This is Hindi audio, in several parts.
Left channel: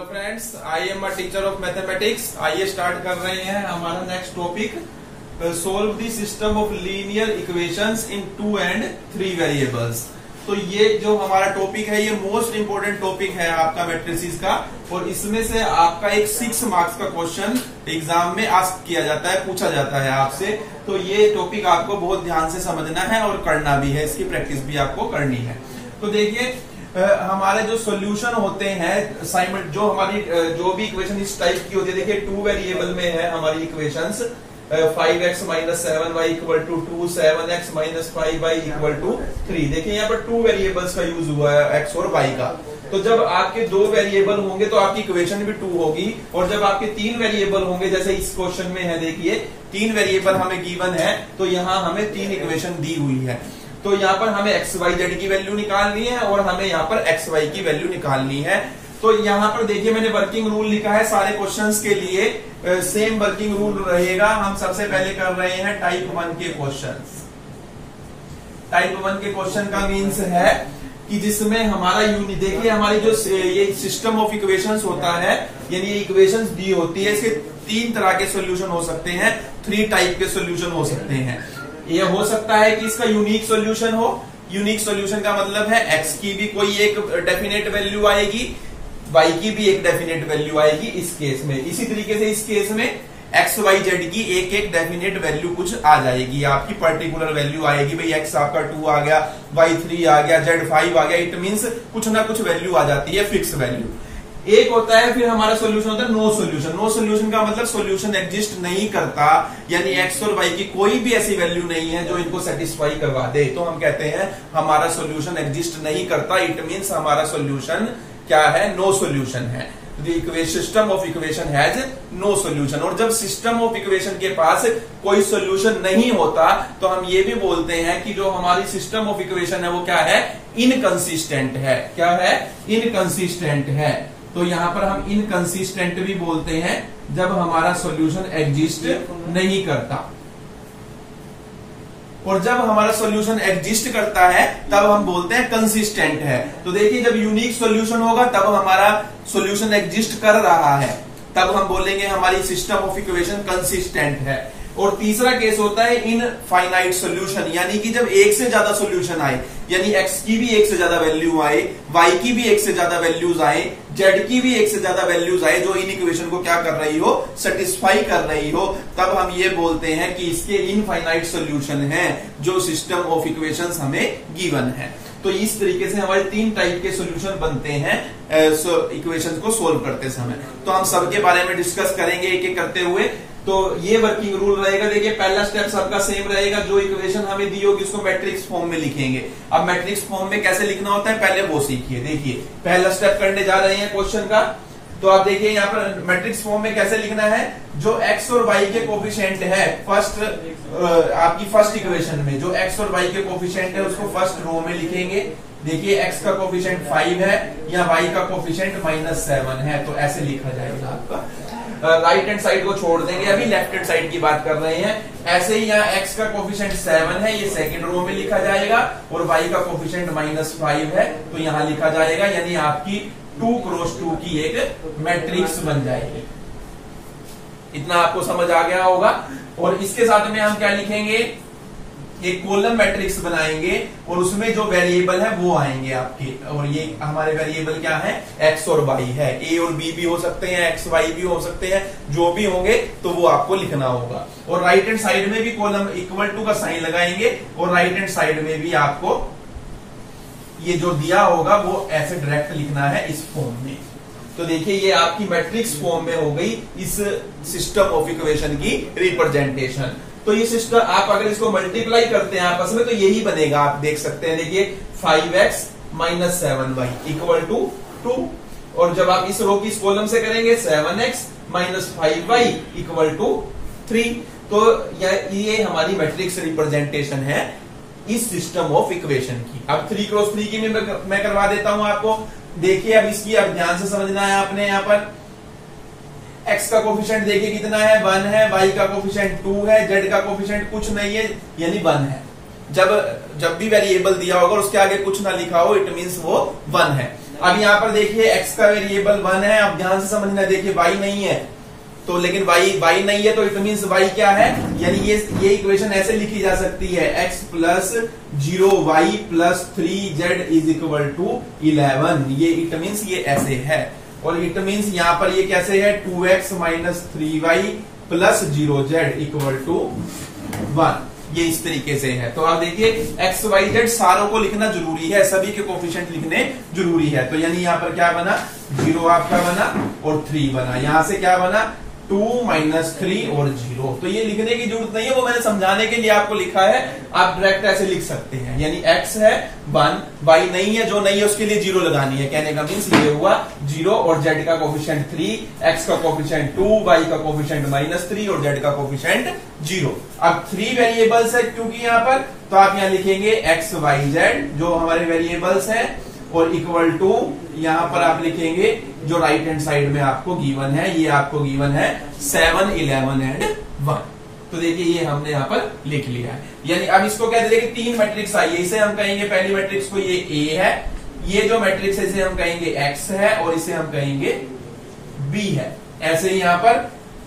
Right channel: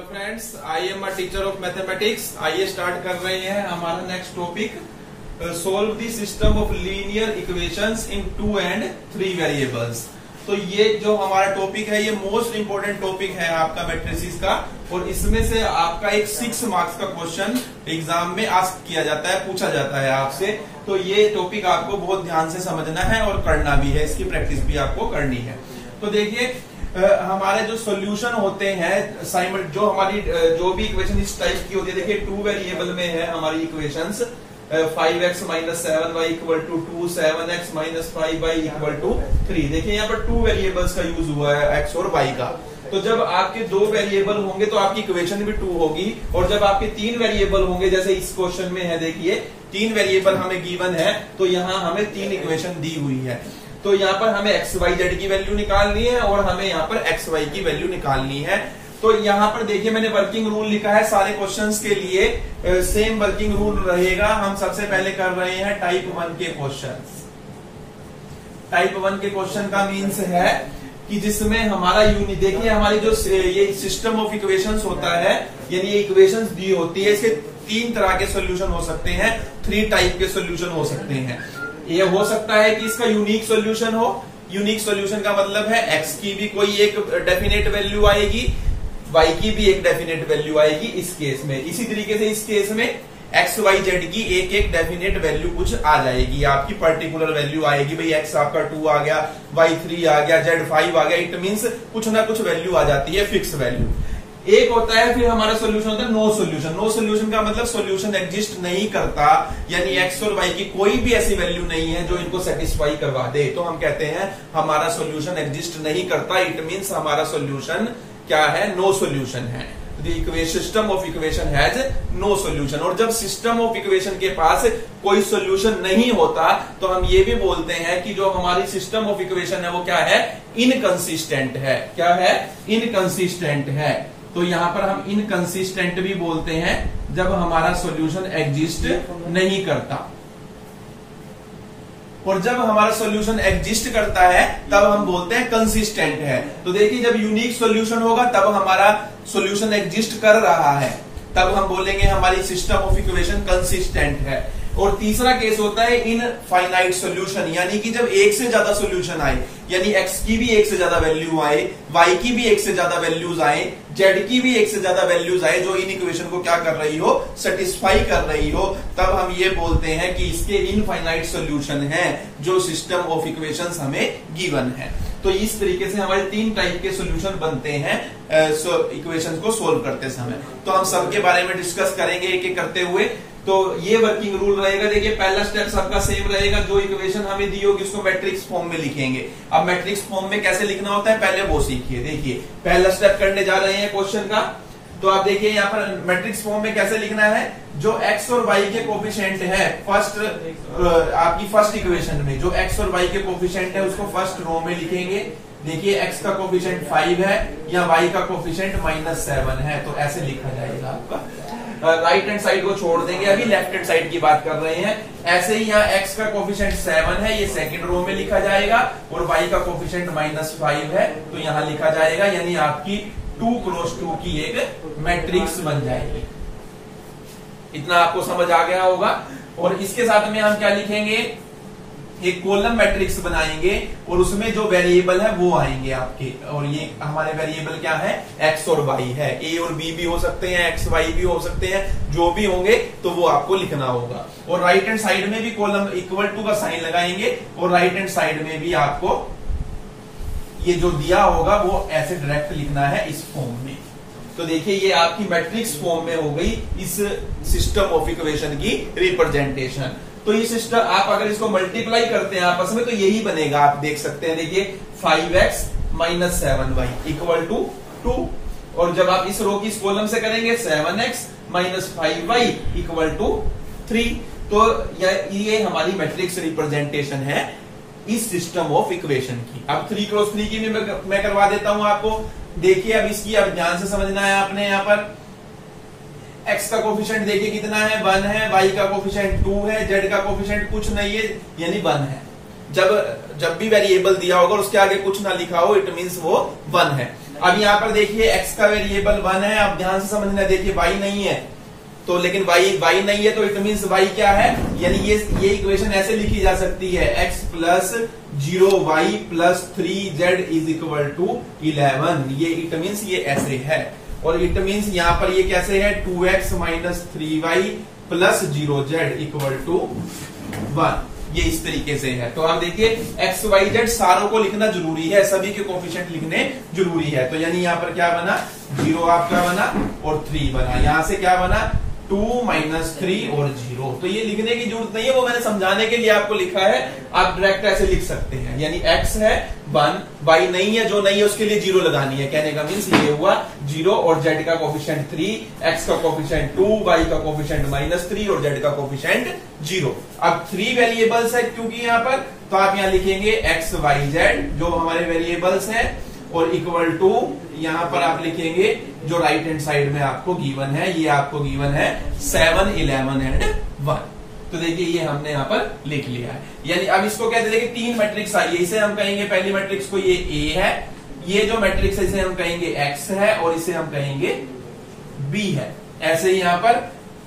Hello friends, I am a teacher of mathematics. आइए स्टार्ट कर रहे हैं हमारा next topic, solve the system of linear equations in 2 and 3 variables. तो ये जो हमारा टॉपिक है ये मोस्ट इंपोर्टेंट टॉपिक है आपका मैट्रिसेस का, और इसमें से आपका एक 6 मार्क्स का क्वेश्चन एग्जाम में आस्क किया जाता है, पूछा जाता है आपसे। तो ये टॉपिक आपको बहुत ध्यान से समझना है और करना भी है, इसकी प्रैक्टिस भी आपको करनी है। तो देखिए हमारे जो सॉल्यूशन होते हैं जो हमारी जो भी इक्वेशन इस टाइप की होती है, देखिए 2 वेरिएबल में है हमारी equations, 5x - 7y = 2, 7x - 5y = 3। देखिए यहाँ पर 2 वेरिएबल्स का यूज हुआ है, x और y का। तो जब आपके 2 वेरिएबल होंगे तो आपकी इक्वेशन भी 2 होगी, और जब आपके 3 वेरिएबल होंगे, जैसे इस क्वेश्चन में है, देखिए 3 वेरिएबल हमें गिवन है, तो यहाँ हमें 3 इक्वेशन दी हुई है। तो यहाँ पर हमें x, y, z की वैल्यू निकालनी है और हमें यहाँ पर x, y की वैल्यू निकालनी है। तो यहाँ पर देखिए मैंने वर्किंग रूल लिखा है सारे क्वेश्चंस के लिए, सेम वर्किंग रूल रहेगा। हम सबसे पहले कर रहे हैं टाइप 1 के क्वेश्चंस। टाइप 1 के क्वेश्चन का मीन्स है कि जिसमें हमारा देखिए हमारी जो ये सिस्टम ऑफ इक्वेशंस होता है, यानी ये इक्वेशंस दी होती है, इसके 3 तरह के सोल्यूशन हो सकते हैं, 3 टाइप के सोल्यूशन हो सकते हैं। ये हो सकता है कि इसका यूनिक सॉल्यूशन हो। यूनिक सॉल्यूशन का मतलब है x की भी कोई एक डेफिनेट वैल्यू आएगी, y की भी एक डेफिनेट वैल्यू आएगी इस केस में। इसी तरीके से इस केस में x, y, z की एक डेफिनेट वैल्यू कुछ आ जाएगी, आपकी पर्टिकुलर वैल्यू आएगी। भाई x आपका 2 आ गया, y 3 आ गया, z 5 आ गया। इट मीन्स कुछ ना कुछ वैल्यू आ जाती है, फिक्स वैल्यू। एक होता है फिर हमारा सॉल्यूशन होता है नो सॉल्यूशन। नो सॉल्यूशन का मतलब सॉल्यूशन एग्जिस्ट नहीं करता, यानी x और y की कोई भी ऐसी वैल्यू नहीं है जो इनको सेटिस्फाई करवा दे। तो हम कहते हैं हमारा सॉल्यूशन एग्जिस्ट नहीं करता। इट मीन्स हमारा सॉल्यूशन क्या है? नो सॉल्यूशन है। System of equation has no solution. और जब सिस्टम ऑफ इक्वेशन के पास कोई सॉल्यूशन नहीं होता तो हम ये भी बोलते हैं कि जो हमारी सिस्टम ऑफ इक्वेशन है वो क्या है? इनकंसिस्टेंट है। क्या है? इनकंसिस्टेंट है। तो यहां पर हम इनकंसिस्टेंट भी बोलते हैं जब हमारा सॉल्यूशन एग्जिस्ट नहीं करता। और जब हमारा सॉल्यूशन एग्जिस्ट करता है तब हम बोलते हैं कंसिस्टेंट है। तो देखिए जब यूनिक सॉल्यूशन होगा तब हमारा सॉल्यूशन एग्जिस्ट कर रहा है, तब हम बोलेंगे हमारी सिस्टम ऑफ इक्वेशन कंसिस्टेंट है। और तीसरा केस होता है इनफाइनाइट सॉल्यूशन, यानी कि जब एक से ज्यादा सॉल्यूशन आए, यानी x की भी एक से ज्यादा वैल्यू आए, y की भी एक से ज्यादा वैल्यूज आए, z की भी एक से ज्यादा वैल्यूज आए, जो इन इक्वेशन को क्या कर रही हो? सेटिस्फाई कर रही हो, तब हम ये बोलते हैं कि इसके इनफाइनाइट सॉल्यूशन है जो सिस्टम ऑफ इक्वेशंस हमें गिवन है। तो इस तरीके से हमारे 3 टाइप के सॉल्यूशन बनते हैं इक्वेशन को सोल्व करते समय। तो हम सबके बारे में डिस्कस करेंगे एक एक करते हुए। तो ये वर्किंग रूल रहेगा। देखिए पहला स्टेप सबका सेम रहेगा, जो इक्वेशन हमें दी होगी उसको मैट्रिक्स फॉर्म में लिखेंगे। अब मैट्रिक्स फॉर्म में कैसे लिखना होता है पहले वो सीखिए। देखिए पहला स्टेप करने जा रहे हैं क्वेश्चन का। तो आप देखिए यहाँ पर मैट्रिक्स फॉर्म में कैसे लिखना है, जो x और y के कोफिशिएंट है आपकी फर्स्ट इक्वेशन में, जो x और y के कोफिशिएंट है उसको फर्स्ट रो में लिखेंगे। देखिए x का कोफिशिएंट 5 है या y का कोफिशिएंट -7 है, तो ऐसे लिखा जाएगा आपका। राइट हैंड साइड को छोड़ देंगे, अभी लेफ्ट हैंड साइड की बात कर रहे हैं। ऐसे ही यहाँ x का कोफिशिएंट 7 है, ये सेकंड रो में लिखा जाएगा, और y का कोफिशिएंट -5 है, तो यहाँ लिखा जाएगा। यानी आपकी 2 क्रॉस 2 की एक मैट्रिक्स बन जाएगी। इतना आपको समझ आ गया होगा। और इसके साथ में हम क्या लिखेंगे? एक कॉलम मैट्रिक्स बनाएंगे और उसमें जो वेरिएबल है वो आएंगे आपके, और ये हमारे वेरिएबल क्या है? x और y है। a और b भी हो सकते हैं, x, y भी हो सकते हैं, जो भी होंगे तो वो आपको लिखना होगा। और राइट हैंड साइड में भी कॉलम इक्वल टू का साइन लगाएंगे, और राइट हैंड साइड में भी आपको ये जो दिया होगा वो ऐसे डायरेक्ट लिखना है इस फॉर्म में। तो देखिए ये आपकी मैट्रिक्स फॉर्म में हो गई इस सिस्टम ऑफ इक्वेशन की रिप्रेजेंटेशन। तो ये सिस्टम आप अगर इसको मल्टीप्लाई करते हैं आपस में तो यही बनेगा। आप देख सकते हैं, देखिए 5x - 7y = 2। और जब आप इस रो की इस कॉलम से करेंगे 7x - 5y = 3। तो ये हमारी मैट्रिक्स रिप्रेजेंटेशन है इस सिस्टम ऑफ इक्वेशन की। अब 3 क्रॉस 3 की मैं करवा देता हूं आपको। देखिए अब इसकी अब ध्यान से समझना है आपने। यहाँ पर x का कोफिशिएंट देखिए कितना है? 1 है। y का कोफिशिएंट 2 है। z का कोफिशिएंट कुछ नहीं है, यानी 1 है। जब भी वेरिएबल दिया होगा उसके आगे कुछ ना लिखा हो, इट मीन्स वो 1 है। अब यहाँ पर देखिए x का वेरिएबल 1 है। अब ध्यान से समझना, देखिए y नहीं है तो, लेकिन y नहीं है तो इट मीन्स y क्या है, यानी ये इक्वेशन ऐसे लिखी जा सकती है x plus 0y plus 3z is equal to 11। ये इट मीन्स ये ऐसे है। और इट मीन्स यहाँ पर ये कैसे है, 2x minus 3y plus 0z equal to 1। ये इस तरीके से है। तो आप देखिए एक्स वाई जेड सारों को लिखना जरूरी है, सभी के कोफिशिएंट लिखने जरूरी है। तो यानी यहाँ पर क्या बना, 0 आपका बना और 3 बना। यहां से क्या बना, 2 माइनस 3 और 0। तो ये लिखने की जरूरत नहीं है, वो मैंने समझाने के लिए आपको लिखा है। आप डायरेक्ट ऐसे लिख सकते हैं, यानी x है 1, y नहीं है, जो नहीं है उसके लिए 0 लगानी है। कहने का मीन्स ये हुआ 0 और z का कोफिशिएंट 3, x का कोफिशिएंट 2, y का कोफिशिएंट -3 और z का कोफिशिएंट 0। अब 3 वेरिएबल्स है क्योंकि यहाँ पर, तो आप यहाँ लिखेंगे x, y, z जो हमारे वेरिएबल्स हैं, और इक्वल टू यहां पर आप लिखेंगे जो राइट हैंड साइड में आपको गिवन है, ये आपको गिवन है 7, 11 एंड 1। तो देखिए ये हमने यहां पर लिख लिया है। यानी अब इसको क्या देखिए 3 मैट्रिक्स आई है, इसे हम कहेंगे पहली मैट्रिक्स को ये A है, ये जो मैट्रिक्स है इसे हम कहेंगे X है और इसे हम कहेंगे B है। ऐसे ही यहां पर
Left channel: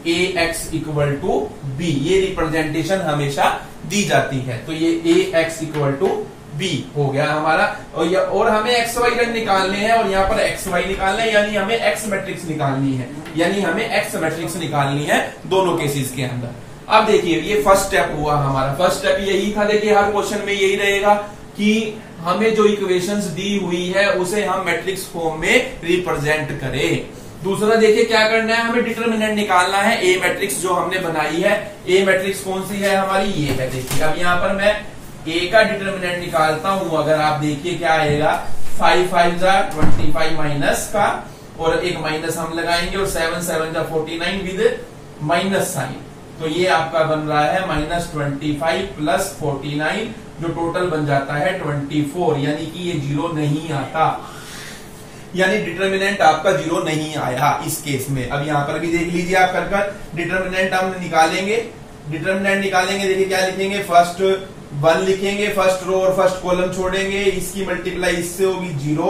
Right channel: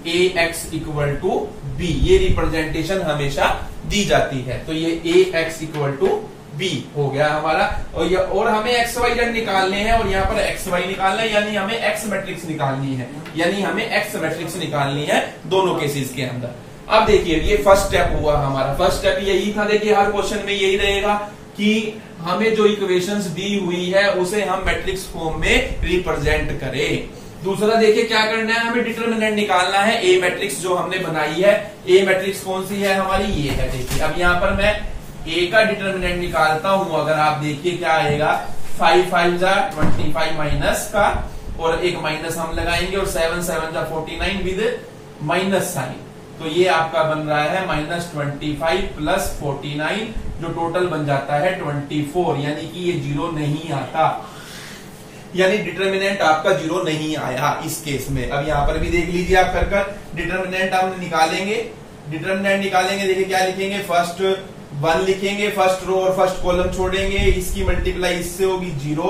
AX इक्वल टू B, ये रिप्रेजेंटेशन हमेशा दी जाती है। तो ये AX इक्वल टू B हो गया हमारा। और हमें एक्स वाई जेड निकालने हैं और यहाँ पर एक्स वाई निकालना है, यानी हमें एक्स मैट्रिक्स निकालनी है, यानी हमें एक्स मैट्रिक्स निकालनी है दोनों केसेस के अंदर। अब देखिए ये फर्स्ट स्टेप हुआ हमारा। फर्स्ट स्टेप यही था, देखिए हर क्वेश्चन में यही रहेगा कि हमें जो इक्वेशंस दी हुई है उसे हम मैट्रिक्स फॉर्म में रिप्रेजेंट करें। दूसरा देखिए क्या करना है, हमें डिटर्मिनेंट निकालना है। ए मैट्रिक्स जो हमने बनाई है, ए मैट्रिक्स कौन सी है हमारी, ये है। देखिए अब यहाँ पर मैं ए का डिटर्मिनेंट निकालता हूं। अगर आप देखिए क्या आएगा, 5 5 जा 25 माइनस का, और एक माइनस हम लगाएंगे, और 7 7 जा 49 विद माइनस साइन। तो ये आपका बन रहा है -25 प्लस 49, जो टोटल बन जाता है 24। यानी कि ये 0 नहीं आता, यानी डिटर्मिनेंट आपका 0 नहीं आया इस केस में। अब यहां पर भी देख लीजिए आप कर डिटर्मिनेंट हम निकालेंगे। डिटर्मिनेंट निकालेंगे, देखिए क्या लिखेंगे, फर्स्ट 1 लिखेंगे, फर्स्ट रो और फर्स्ट कॉलम छोड़ेंगे, इसकी मल्टीप्लाई इससे होगी 0,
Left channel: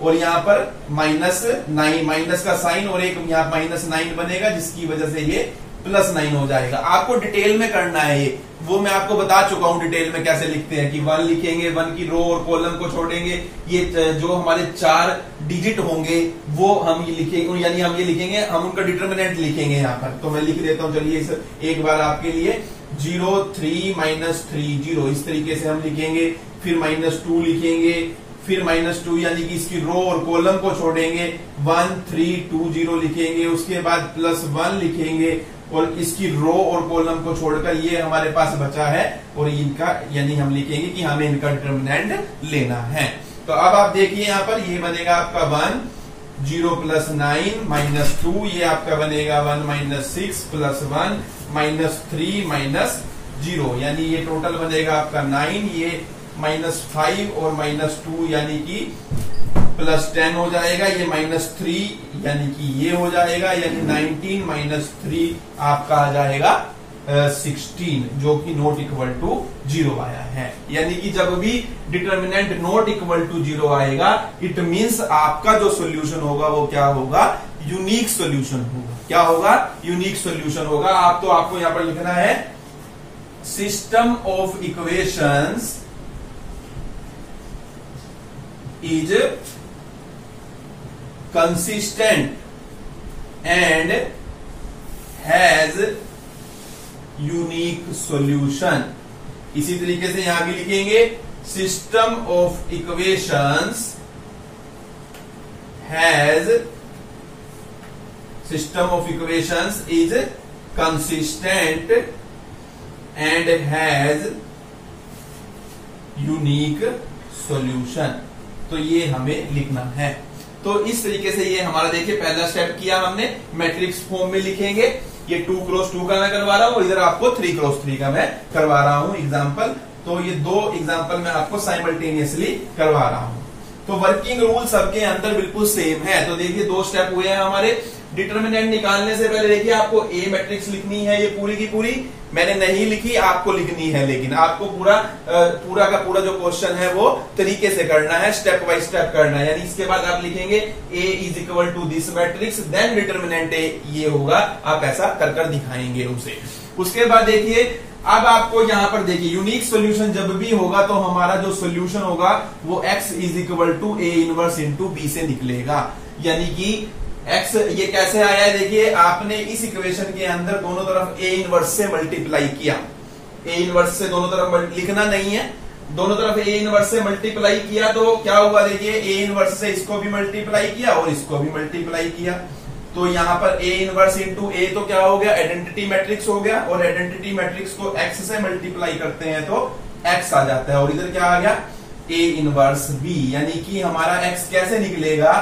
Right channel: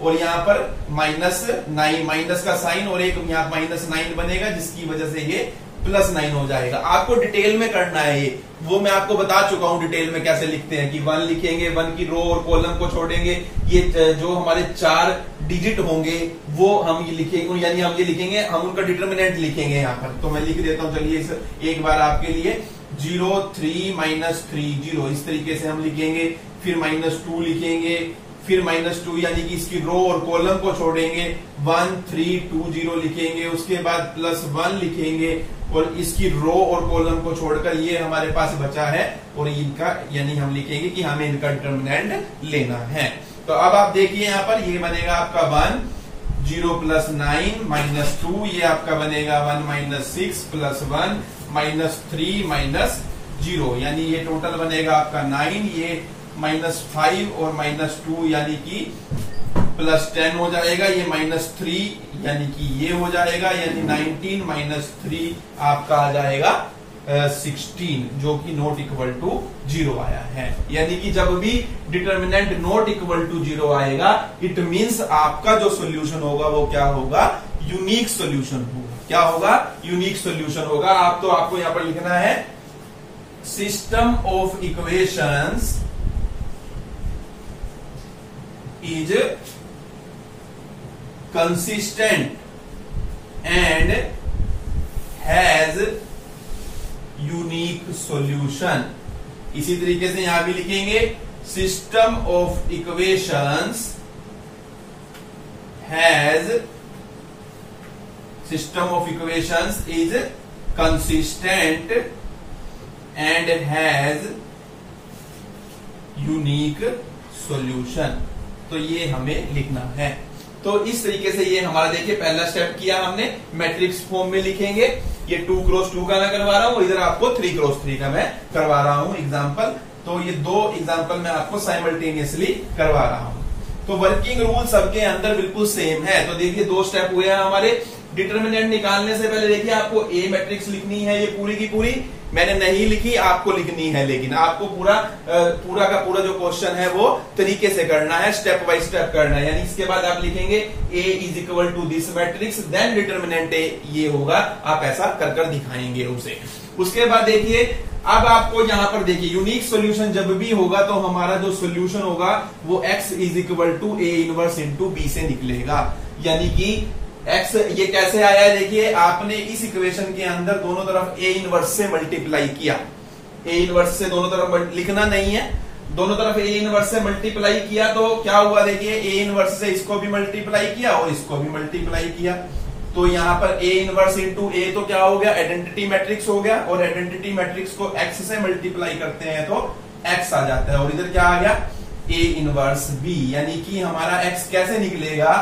और यहाँ पर -9 माइनस का साइन, और एक यहाँ -9 बनेगा, जिसकी वजह से ये +9 हो जाएगा। आपको डिटेल में करना है ये, वो मैं आपको बता चुका हूं डिटेल में कैसे लिखते हैं, कि 1 लिखेंगे, 1 की रो और कॉलम को छोड़ेंगे, ये जो हमारे 4 डिजिट होंगे वो हम ये लिखेंगे, यानी हम ये लिखेंगे, हम उनका डिटर्मिनेंट लिखेंगे यहाँ पर। तो मैं लिख देता हूं, चलिए एक बार आपके लिए, 0 3 -3 0, इस तरीके से हम लिखेंगे। फिर -2 लिखेंगे, फिर -2 यानी कि इसकी रो और कॉलम को छोड़ेंगे, 1 3 2 0 लिखेंगे, उसके बाद +1 लिखेंगे, और इसकी रो और कॉलम को छोड़कर ये हमारे पास बचा है, और इनका यानी हम लिखेंगे कि हमें इनका डिटर्मिनेंट लेना है। तो अब आप देखिए यहाँ पर ये बनेगा आपका 1 0 + 9 -2, ये आपका बनेगा 1 - 6 + 1 -3 -0, यानी ये टोटल बनेगा आपका 9, ये -5 और -2 यानी कि +10 हो जाएगा, ये -3 यानी कि ये हो जाएगा, यानी 19 - 3 आपका आ जाएगा 16, जो कि नॉट इक्वल टू 0 आया है। यानी कि जब भी डिटर्मिनेंट नॉट इक्वल टू 0 आएगा, इट मीन्स आपका जो सोल्यूशन होगा वो क्या होगा, यूनिक सोल्यूशन होगा। क्या होगा, यूनिक सोल्यूशन होगा। आपको यहां पर लिखना है, system of equations is consistent and has unique solution। इसी तरीके से यहां भी लिखेंगे, system of equations is consistent and has unique solution। तो ये हमें लिखना है। तो इस तरीके से ये हमारा देखिए पहला स्टेप किया हमने, मैट्रिक्स फॉर्म में लिखेंगे। ये 2 × 2 का मैं करवा रहा हूं, और इधर आपको 3 × 3 का मैं करवा रहा हूं एग्जाम्पल। तो ये 2 एग्जाम्पल मैं आपको साइमल्टेनियसली करवा रहा हूं। तो वर्किंग रूल सबके अंदर बिल्कुल सेम है। तो देखिए 2 स्टेप हुए हैं हमारे। डिटर्मिनेंट निकालने से पहले देखिए आपको ए मैट्रिक्स लिखनी है, ये पूरी की पूरी मैंने नहीं लिखी, आपको लिखनी है, लेकिन आपको पूरा का पूरा जो क्वेश्चन है वो तरीके से करना है, स्टेप बाय स्टेप करना है। यानी इसके बाद आप लिखेंगे A is equal to this matrix, then determinant A ये होगा, आप ऐसा कर कर दिखाएंगे उसे। उसके बाद देखिए अब आपको यहां पर देखिए यूनिक सॉल्यूशन जब भी होगा तो हमारा जो सॉल्यूशन होगा वो x is equal to A inverse into B से निकलेगा। यानी कि x ये कैसे आया है, देखिए आपने इस इक्वेशन के अंदर दोनों तरफ ए इनवर्स से मल्टीप्लाई किया, ए इनवर्स से दोनों तरफ लिखना नहीं है, दोनों तरफ ए इनवर्स से मल्टीप्लाई किया तो क्या हुआ, देखिए ए इनवर्स से इसको भी मल्टीप्लाई किया और इसको भी मल्टीप्लाई किया, तो यहां पर ए इनवर्स इंटू ए तो क्या हो गया, आइडेंटिटी मैट्रिक्स हो गया, और आइडेंटिटी मैट्रिक्स को एक्स से मल्टीप्लाई करते हैं तो एक्स आ जाता है, और इधर क्या आ गया ए इनवर्स बी। यानी कि हमारा एक्स कैसे निकलेगा,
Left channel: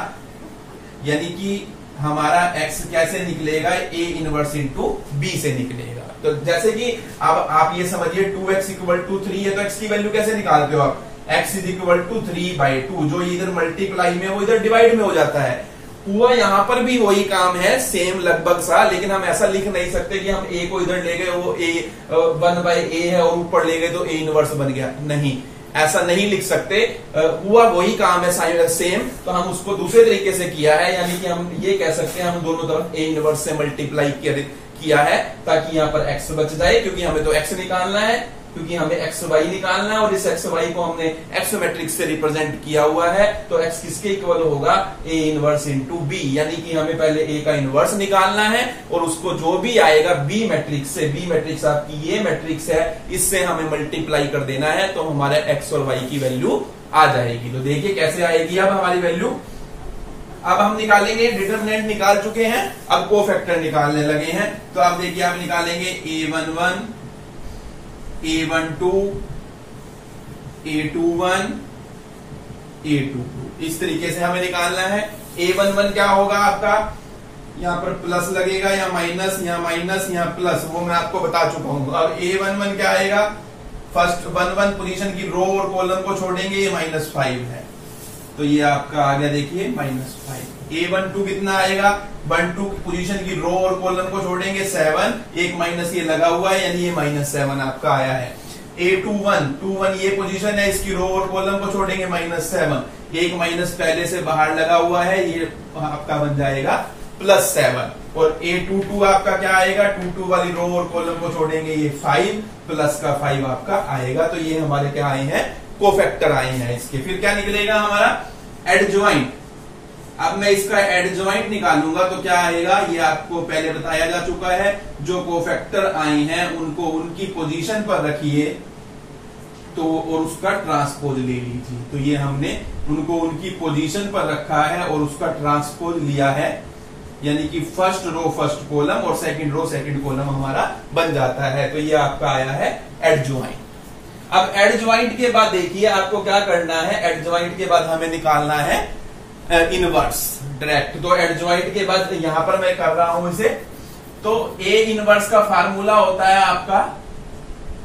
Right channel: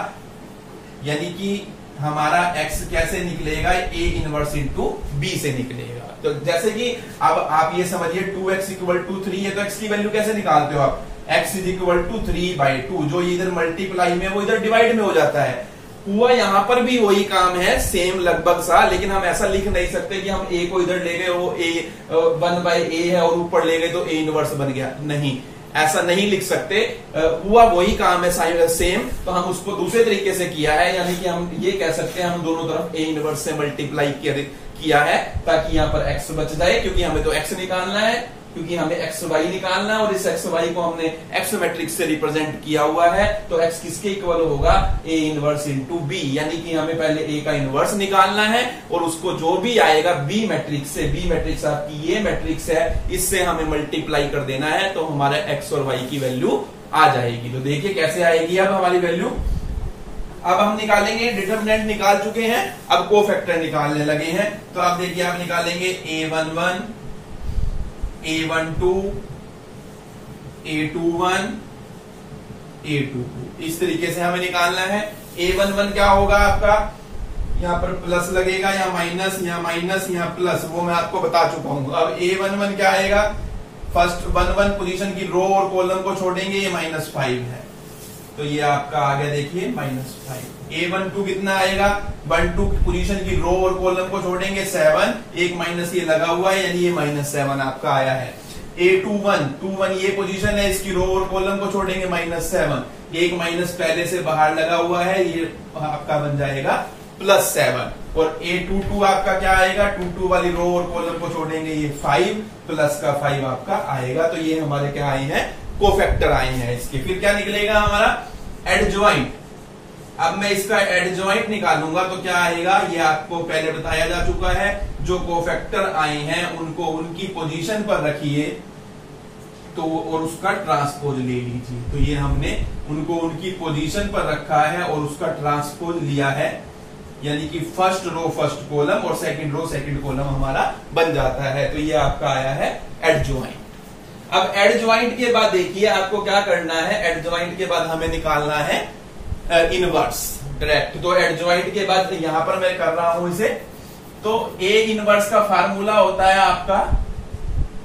यानी कि हमारा एक्स कैसे निकलेगा, ए इनवर्स इंटू बी से निकलेगा। तो जैसे कि अब आप ये समझिए 2x इक्वल टू 3 है तो x की वैल्यू कैसे निकालते हो आप, x इज इक्वल टू 3/2, जो इधर मल्टीप्लाई में वो इधर डिवाइड में हो जाता है। हुआ यहां पर भी वही काम है, सेम लगभग सा, लेकिन हम ऐसा लिख नहीं सकते कि हम ए को इधर ले गए वो ए 1/a है और ऊपर ले गए तो ए इनवर्स बन गया, नहीं, ऐसा नहीं लिख सकते। हुआ वही काम है सेम, तो हम उसको दूसरे तरीके से किया है, यानी कि हम ये कह सकते हैं हम दोनों तरफ ए इनवर्स से मल्टीप्लाई किया है ताकि यहां पर एक्स बच जाए, क्योंकि हमें तो एक्स निकालना है, क्योंकि हमें एक्स वाई निकालना है और इस एक्स वाई को हमने एक्स मैट्रिक्स से रिप्रेजेंट किया हुआ है, तो एक्स किसके इक्वल होगा, ए इनवर्स इंटू बी। यानी कि हमें पहले ए का इनवर्स निकालना है और उसको जो भी आएगा बी मैट्रिक्स से, बी मैट्रिक्स आपकी ये मैट्रिक्स है, इससे हमें मल्टीप्लाई कर देना है, तो हमारे एक्स और वाई की वैल्यू आ जाएगी। तो देखिए कैसे आएगी अब हमारी वैल्यू। अब हम निकालेंगे, डिटर्मिनेंट निकाल चुके हैं, अब कोफैक्टर निकालने लगे हैं। तो आप देखिए आप निकालेंगे A11, A12, A21, A22, इस तरीके से हमें निकालना है। A11 क्या होगा आपका, यहां पर प्लस लगेगा या माइनस, या माइनस या प्लस, वो मैं आपको बता चुका हूं। अब A11 क्या आएगा, फर्स्ट 1 पोजीशन की रो और कॉलम को छोड़ेंगे, ये -5 है, तो ये आपका आ गया देखिए -5। A12 कितना आएगा, 12 पोजीशन की रो और कॉलम को छोड़ेंगे 7, एक माइनस ये लगा हुआ है, यानी ये -7 आपका आया है। A21 ये पोजीशन है, इसकी रो और कॉलम को छोड़ेंगे -7, एक माइनस पहले से बाहर लगा हुआ है, ये आपका बन जाएगा +7। और A22 आपका क्या आएगा, 22 वाली रो और कॉलम को छोड़ेंगे, ये 5 प्लस का 5 आपका आएगा। तो ये हमारे क्या आए हैं, कोफैक्टर आए हैं इसके। फिर क्या निकलेगा हमारा, एडजॉइंट। अब मैं इसका एडजॉइंट निकालूंगा तो क्या आएगा, ये आपको पहले बताया जा चुका है, जो कोफैक्टर आए हैं उनको उनकी पोजीशन पर रखिए तो और उसका ट्रांसपोज ले लीजिए। तो ये हमने उनको उनकी पोजीशन पर रखा है और उसका ट्रांसपोज लिया है, यानी कि फर्स्ट रो फर्स्ट कॉलम और सेकंड रो सेकंड कॉलम हमारा बन जाता है। तो ये आपका आया है एडजॉइंट। अब एडजॉइंट के बाद देखिए आपको क्या करना है, एडजॉइंट के बाद हमें निकालना है इनवर्स डायरेक्ट। तो एडजॉइंट के बाद यहां पर मैं कर रहा हूं इसे, तो ए इनवर्स का फार्मूला होता है आपका,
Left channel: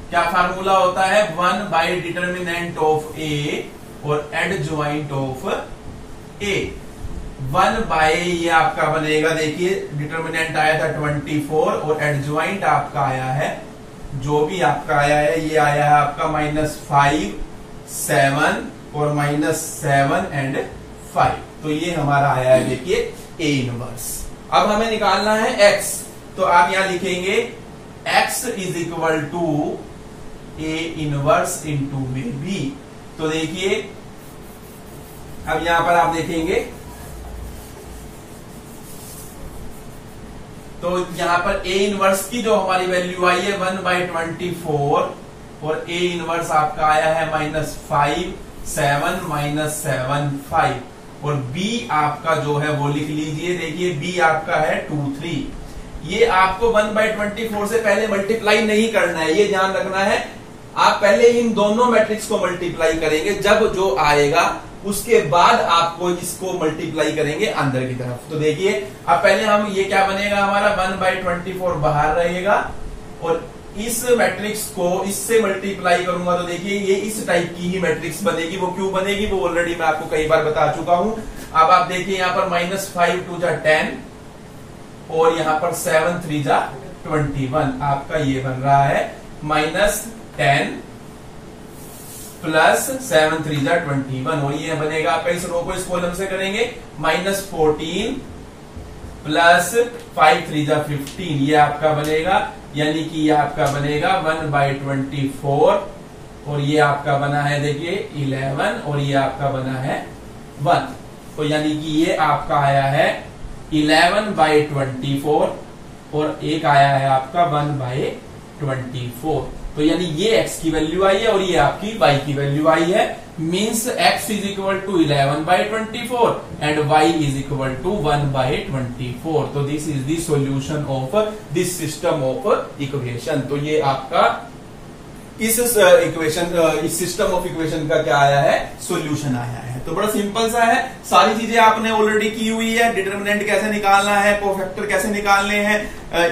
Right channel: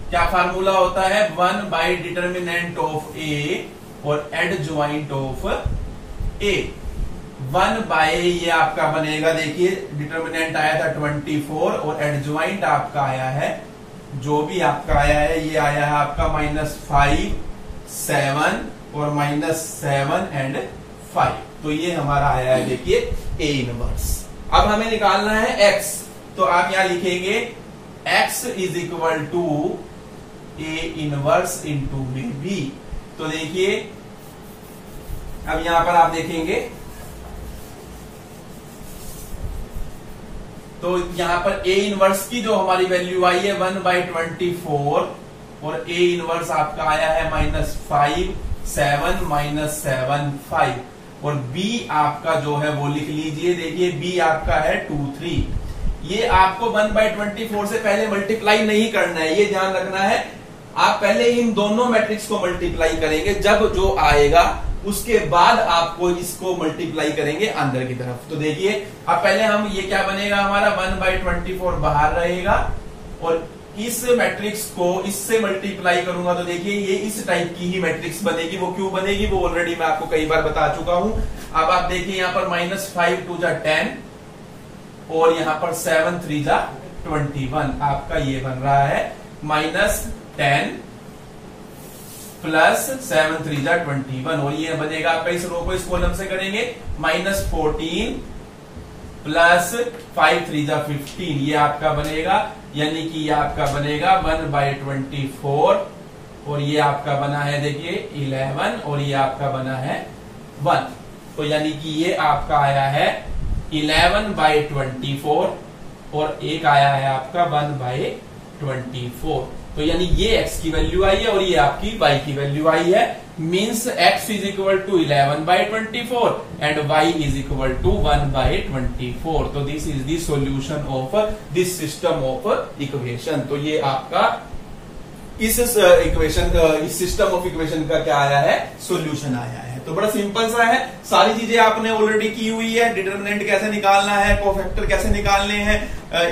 क्या फार्मूला होता है, 1 डिटर्मिनेंट ऑफ ए और एडजॉइंट ऑफ ए। 1 ये आपका बनेगा, देखिए डिटर्मिनेंट आया था 24 और एडजॉइंट आपका आया है, जो भी आपका आया है ये आया है आपका -5, 7 और -7 एंड 5। तो ये हमारा आया है देखिए ए इनवर्स। अब हमें निकालना है x, तो आप यहां लिखेंगे x is equal to A inverse into में बी। तो देखिए अब यहां पर आप देखेंगे तो यहां पर ए इनवर्स की जो हमारी वैल्यू आई है 1/24 और ए इनवर्स आपका आया है -5, 7 -7 5 और बी आपका जो है वो लिख लीजिए, देखिए बी आपका है 2 3। ये आपको 1/24 से पहले मल्टीप्लाई नहीं करना है, ये ध्यान रखना है। आप पहले इन दोनों मैट्रिक्स को मल्टीप्लाई करेंगे, जब जो आएगा उसके बाद आपको इसको मल्टीप्लाई करेंगे अंदर की तरफ। तो देखिए अब पहले हम ये क्या बनेगा हमारा 1/24 बाहर रहेगा और इस मैट्रिक्स को इससे मल्टीप्लाई करूंगा तो देखिए ये इस टाइप की ही मैट्रिक्स बनेगी। वो क्यों बनेगी वो ऑलरेडी मैं आपको कई बार बता चुका हूं। अब आप देखिए यहां पर -5 2 जा 10 और यहां पर 7 3 जा 21। आपका ये बन रहा है -10 प्लस 7 3 जा 21 और ये बनेगा आपका, इस रो को इस कॉलम से करेंगे -14 प्लस 5 3 जा 15, ये आपका बनेगा, यानी कि ये आपका बनेगा 1/24 और ये आपका बना है देखिए 11 और ये आपका बना है 1। तो यानी कि ये आपका आया है 11/24 और एक आया है आपका 1/24। तो यानी ये x की वैल्यू आई है और ये आपकी y की वैल्यू आई है। Means x is equal to 11/24 and y is equal to 1/24। तो this is the solution of this system of equation. तो ये आपका इस इक्वेशन, इस सिस्टम ऑफ इक्वेशन का क्या आया है, सॉल्यूशन आया है। तो बड़ा सिंपल सा है, सारी चीजें आपने ऑलरेडी की हुई है। डिटरमिनेंट कैसे निकालना है, कोफैक्टर कैसे निकालने हैं,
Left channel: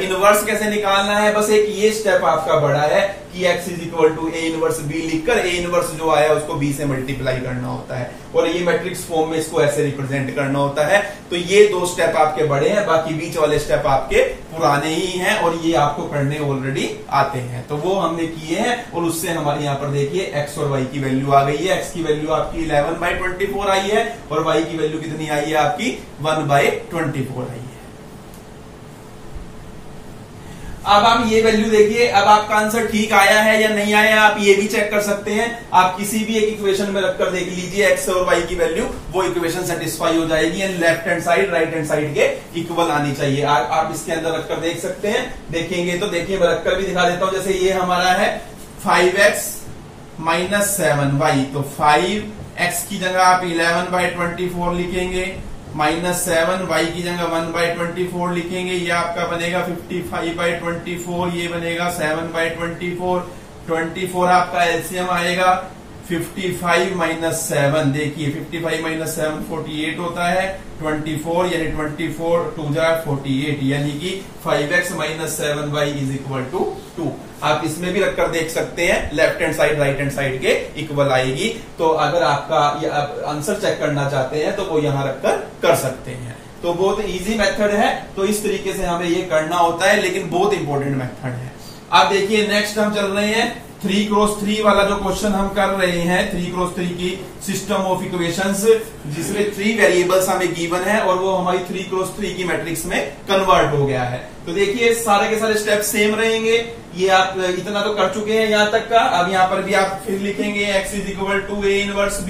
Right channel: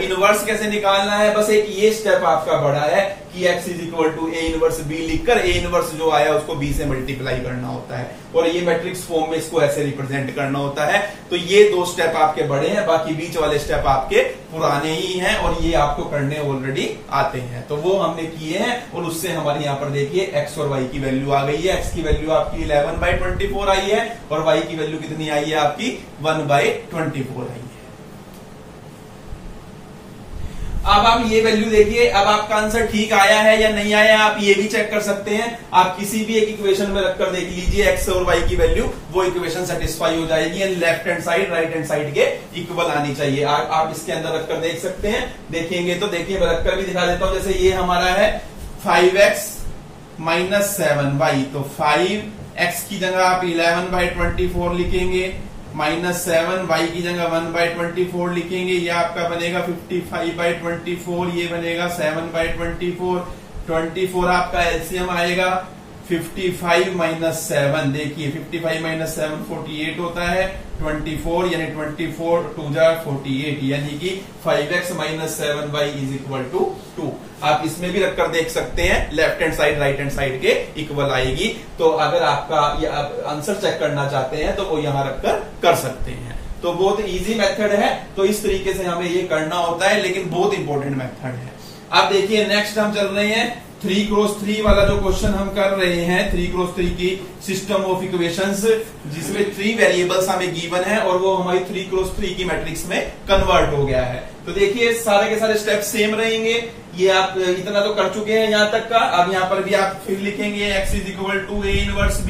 इनवर्स कैसे निकालना है, बस एक ये स्टेप आपका बड़ा है कि x is equal to a inverse b लिखकर a इनवर्स जो आया उसको b से मल्टीप्लाई करना होता है और ये मैट्रिक्स फॉर्म में इसको ऐसे रिप्रेजेंट करना होता है। तो ये 2 स्टेप आपके बड़े हैं, बाकी बीच वाले स्टेप आपके पुराने ही हैं और ये आपको करने ऑलरेडी आते हैं। तो वो हमने किए हैं और उससे हमारे यहाँ पर देखिए x और y की वैल्यू आ गई है। x की वैल्यू आपकी 11/24 आई है और y की वैल्यू कितनी आई है आपकी 1/24 आई है। अब आप ये वैल्यू देखिए, अब आपका आंसर ठीक आया है या नहीं आया आप ये भी चेक कर सकते हैं। आप किसी भी एक इक्वेशन में रखकर देख लीजिए x और y की वैल्यू, वो इक्वेशन सेटिस्फाई हो जाएगी and left hand side right hand side के इक्वल आनी चाहिए। आप इसके अंदर रखकर देख सकते हैं। देखेंगे तो देखिए मैं रखकर भी दिखा देता हूं। जैसे ये हमारा है 5x - 7y, तो 5x की जगह आप 11/24 लिखेंगे, -7y की जगह 1/24 लिखेंगे, ये आपका बनेगा 55/24, ये बनेगा 7/24। 24 आपका एलसीएम आएगा 55 - 7, देखिए 55 - 7 48 होता है। 24 यानी 24 2 जा 48, यानी कि 5x - 7y is equal to 2। आप इसमें भी रखकर देख सकते हैं, left hand side right hand side के इक्वल आएगी। तो अगर आपका आंसर चेक करना चाहते हैं तो वो यहां रखकर कर सकते हैं। तो बहुत इजी मेथड है। तो इस तरीके से हमें ये करना होता है, लेकिन बहुत इंपॉर्टेंट मेथड है। आप देखिए नेक्स्ट हम चल रहे हैं 3x3 वाला जो क्वेश्चन हम कर रहे हैं, 3x3 की सिस्टम ऑफ इक्वेशंस, जिसमें 3 वेरिएबल्स हमें गिवन है और वो हमारी 3x3 की मैट्रिक्स में कन्वर्ट हो गया है। तो देखिए सारे के सारे स्टेप सेम रहेंगे। ये आप इतना तो कर चुके हैं यहां तक का। अब यहां पर भी आप फिर लिखेंगे x is equal to a inverse b।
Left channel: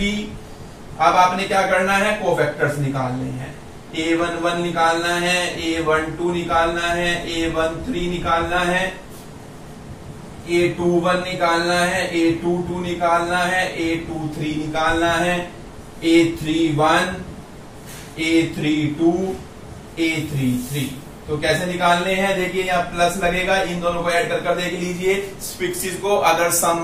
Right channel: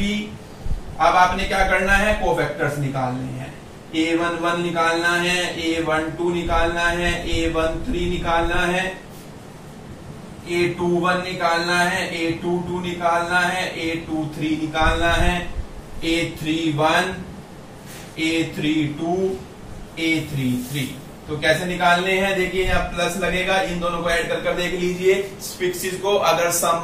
अब आपने क्या करना है, कोफैक्टर्स निकालने हैं। a11 निकालना है, a12 निकालना है, a13 निकालना है, a21 निकालना है, a22 निकालना है, a23 निकालना है, a31, a32, a33। तो कैसे निकालने हैं, देखिए यहाँ प्लस लगेगा, इन दोनों को ऐड कर देख लीजिए फिक्सिस को। अगर सम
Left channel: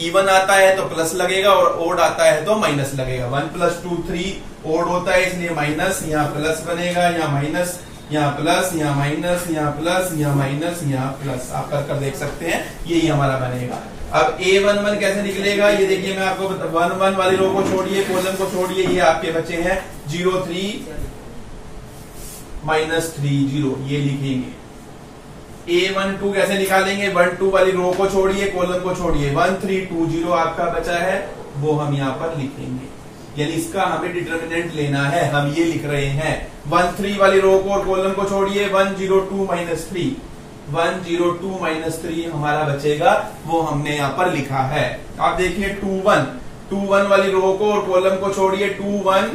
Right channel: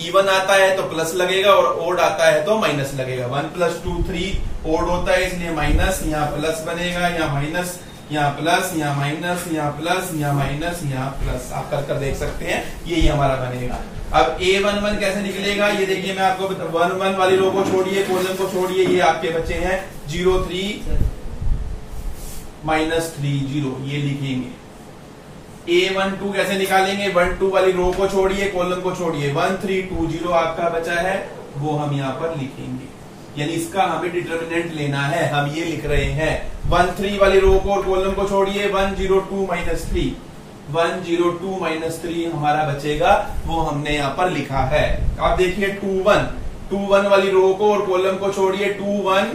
इवन आता है तो प्लस लगेगा और ओड आता है तो माइनस लगेगा। 1 + 2 3 ओड होता है इसलिए माइनस, यहाँ प्लस बनेगा, यहाँ माइनस, यहाँ प्लस, यहाँ माइनस, यहाँ प्लस, यहाँ माइनस, यहाँ प्लस। आप कर देख सकते हैं, यही हमारा बनेगा। अब a11 कैसे निकलेगा, ये देखिए मैं आपको 11 वाली रो को छोड़िए, कॉलम को छोड़िए, ये आपके बचे हैं 0 3 -3 0, ये लिखेंगे। a12 कैसे निकालेंगे, 1 2 वाली रो को छोड़िए, कॉलम को छोड़िए, 1 3 2 0 आपका बचा है, वो हम यहाँ पर लिखेंगे। यानी इसका हमें डिटरमिनेंट लेना है, हम ये लिख रहे हैं। 1 3 वाली रो को और कॉलम को छोड़िए, 1 0 2 -3, 1 0 2 -3 हमारा बचेगा, वो हमने यहाँ पर लिखा है। आप देखिए 2 1 वाली रो को और कॉलम को छोड़िए, 2 1